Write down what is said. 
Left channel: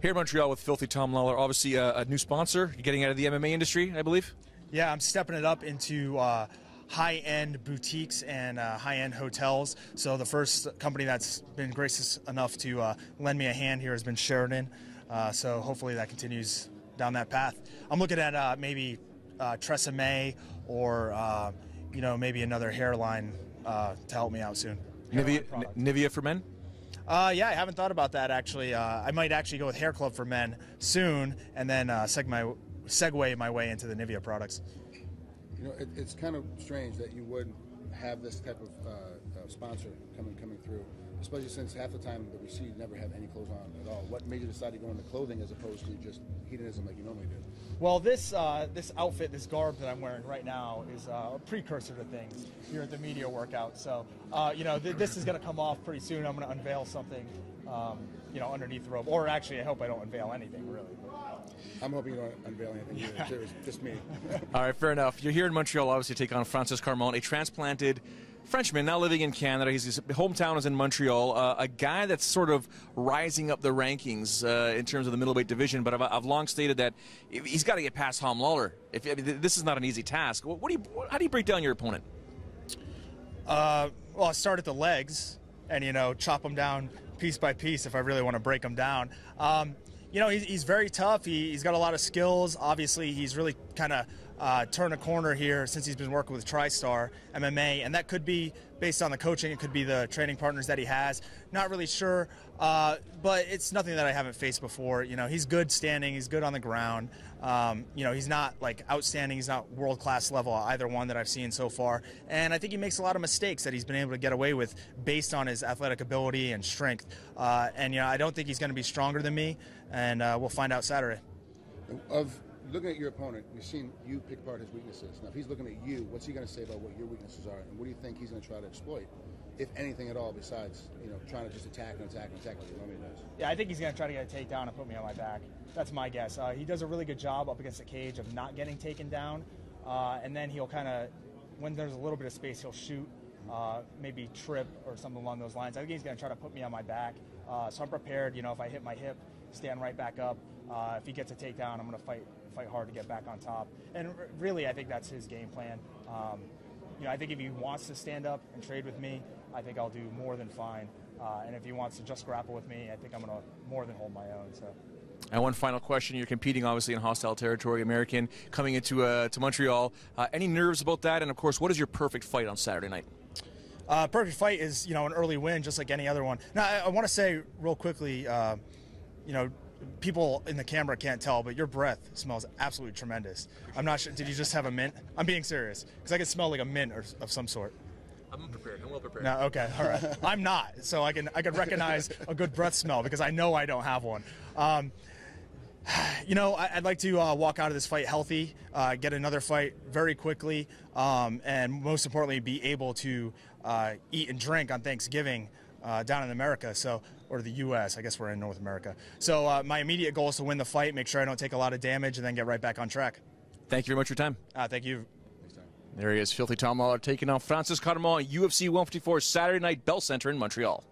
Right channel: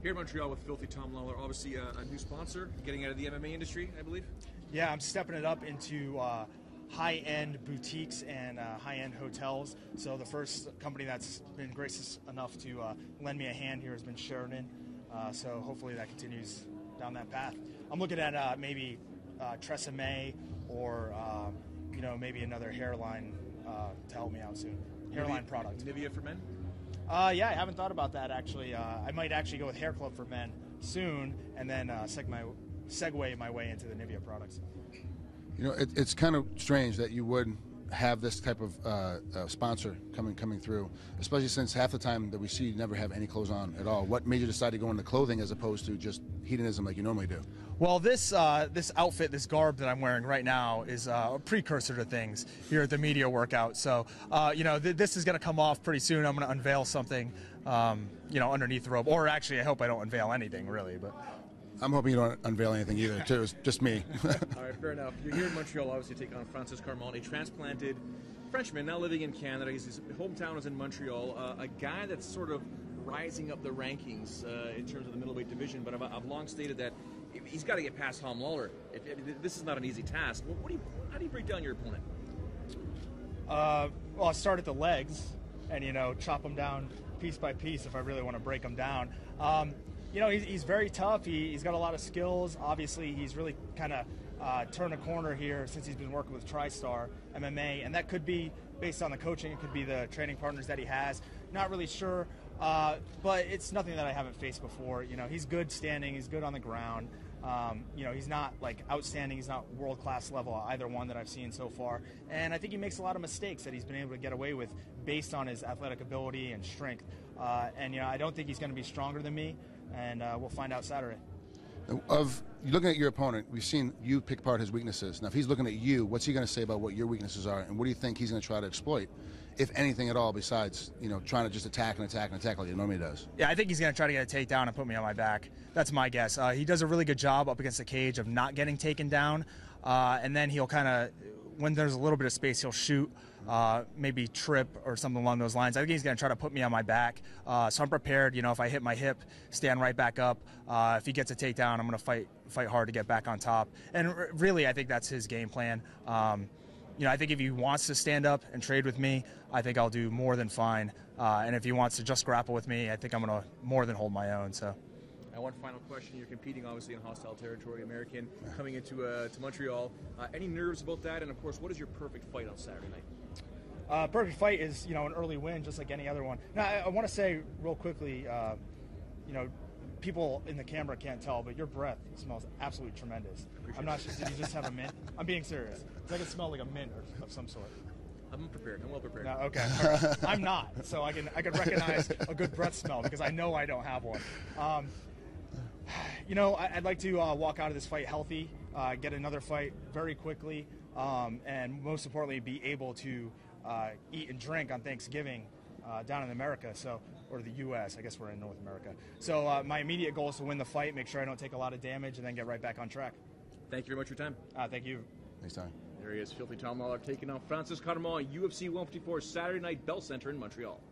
Here in Montreal with Filthy Tom Lawlor, obviously a new sponsor. You're getting out of the MMA industry, I believe? Yeah, I'm stepping it up into high-end boutiques and high-end hotels. So the first company that's been gracious enough to lend me a hand here has been Showdown. So hopefully that continues down that path. I'm looking at maybe Tresemme or maybe another hairline to help me out soon. Nivea for men? Yeah, I haven't thought about that actually. I might actually go with Hair Club for men soon, and then segue my way into the Nivea products. You know, it's kind of strange that you would have this type of sponsor coming through, especially since half the time that we see you never have any clothes on at all. What made you decide to go into clothing as opposed to just hedonism like you normally do? Well, this outfit, this garb that I'm wearing right now is a precursor to things here at the media workout. So, this is going to come off pretty soon. I'm going to unveil something, underneath the robe. Or actually, I hope I don't unveil anything, really. But I'm hoping you don't unveil anything either. Just me. All right, fair enough. You're here in Montreal, obviously, to take on Francis Carmont, a transplanted Frenchman now living in Canada. His hometown is in Montreal. A guy that's sort of rising up the rankings in terms of the middleweight division. But I've long stated that he's got to get past Tom Lawlor. This is not an easy task. How do you break down your opponent? Well, I start at the legs and chop them down piece by piece if I really want to break them down. He's very tough. He's got a lot of skills. Obviously, he's really kind of turned a corner here since he's been working with TriStar MMA, and that could be based on the coaching. It could be the training partners that he has. Not really sure, but it's nothing that I haven't faced before. He's good standing. He's good on the ground. He's not like outstanding. He's not world-class level, either one that I've seen so far. And I think he makes a lot of mistakes that he's been able to get away with based on his athletic ability and strength. I don't think he's going to be stronger than me, and we'll find out Saturday. Looking at your opponent, we've seen you pick apart his weaknesses. Now, if he's looking at you, what's he going to say about what your weaknesses are, and what do you think he's going to try to exploit, if anything at all, besides trying to just attack like he normally does? Yeah, I think he's going to try to get a takedown and put me on my back. That's my guess. He does a really good job up against the cage of not getting taken down, and then he'll kind of, when there's a little bit of space, he'll shoot, maybe trip or something along those lines. I think he's going to try to put me on my back. So I'm prepared. If I hit my hip, stand right back up. If he gets a takedown, I'm going to fight hard to get back on top. And really, I think that's his game plan. I think if he wants to stand up and trade with me, I think I'll do more than fine. And if he wants to just grapple with me, I think I'm going to more than hold my own. So. And one final question. You're competing, obviously, in hostile territory, American, coming into to Montreal. Any nerves about that? And, of course, what is your perfect fight on Saturday night? Perfect fight is, an early win, just like any other one. Now, I want to say real quickly, people in the camera can't tell, but your breath smells absolutely tremendous. I'm not sure. Did you just have a mint? I'm being serious, because I can smell like a mint or of some sort. I'm prepared. I'm well prepared. No, okay. All right. I'm not, so I can recognize a good breath smell because I know I don't have one. I'd like to walk out of this fight healthy, get another fight very quickly, and most importantly, be able to eat and drink on Thanksgiving down in America, or the U.S. I guess we're in North America. So my immediate goal is to win the fight, make sure I don't take a lot of damage, and then get right back on track. Thank you very much for your time. Thank you. Next time. There he is, Filthy Tom Lawlor, taking on Francis Carmont, UFC 154 Saturday Night Bell Center in Montreal.